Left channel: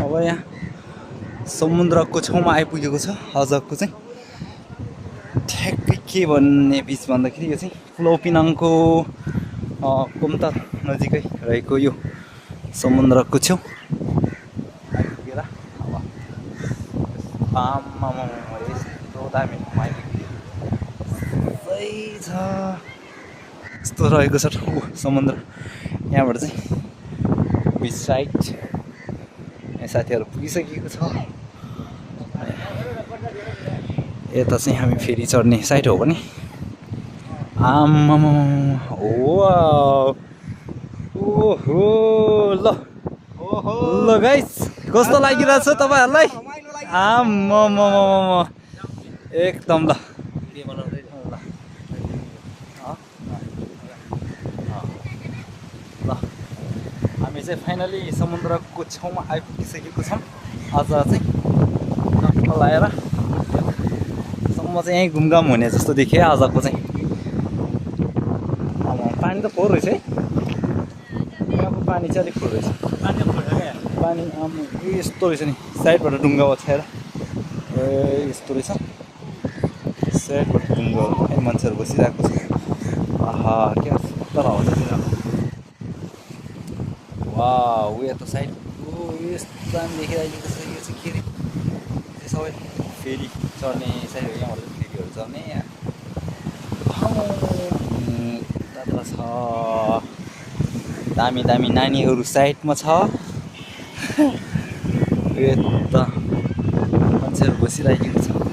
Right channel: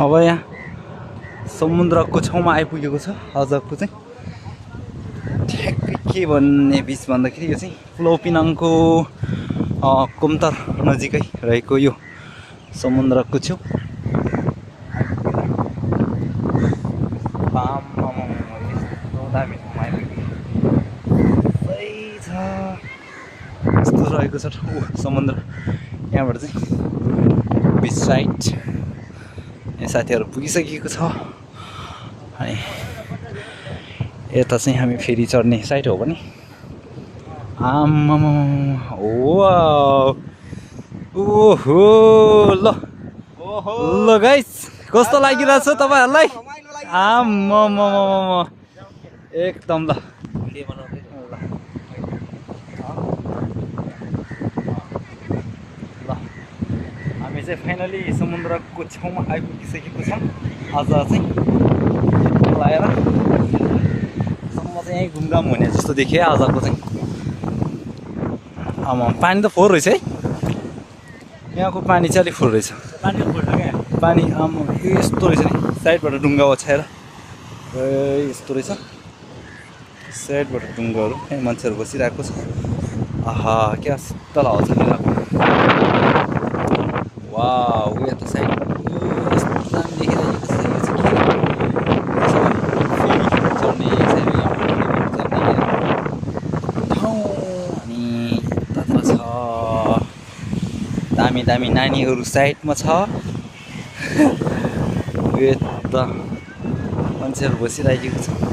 अब यहाँ समुद्रको छेउमा आइपुगेको छ आजको चाहिँ ठ्याक्कै के भन्ने बिच भन्दाखेरि यो चाहिँ पुलाउ पिनाङको कुमतर नजिकै रहेको यो समुद्रको छेउ आइपुगेर यस्तो दामी ठाउँमा आइपुग्यो छ यस्तो रहेको छ समुद्र यहाँबाट चाहिँ बिच साइड साथीहरू पुगिसकेको छ अनि यता चाहिँ हामी फेरि चढ्ने साइड हो भने आम्मामा ओहो ल गाइस कस्तो लागिरहेछ तपाईँहरूलाई आम्मामा एकदम ल हामी चाहिँ फाइनली समुद्रको छेउमा आइपुगिसकेको छौँ आज चाहिँ लाएर सम्म चाहिँ यहीँ घुमघाम हुने जस्तो देखियो आजको चाहिँ आमा पानी त फोहोर रहेछ है यहाँको पानी चाहिँ अलिक फोहोर रहेछ पानी आमा यस्तो रहेछ नि साइडबाट ढुङ्गा ओछ्याएर यस्तो रहेछ साइडबाट ढुङ्गाहरू यहाँ मान्छेहरू बसिरहेको छ आहा क्या शीतल हावा छ वाउ यता साइडमा यस्तो दामी देखिरहेको छ यो चाहिँ के फेरि चढ्ने चढ्ने ठाउँ अनि छ दामी दामी नानीहरू साइडमा छ यता मान्छेहरू बसिरहेको छ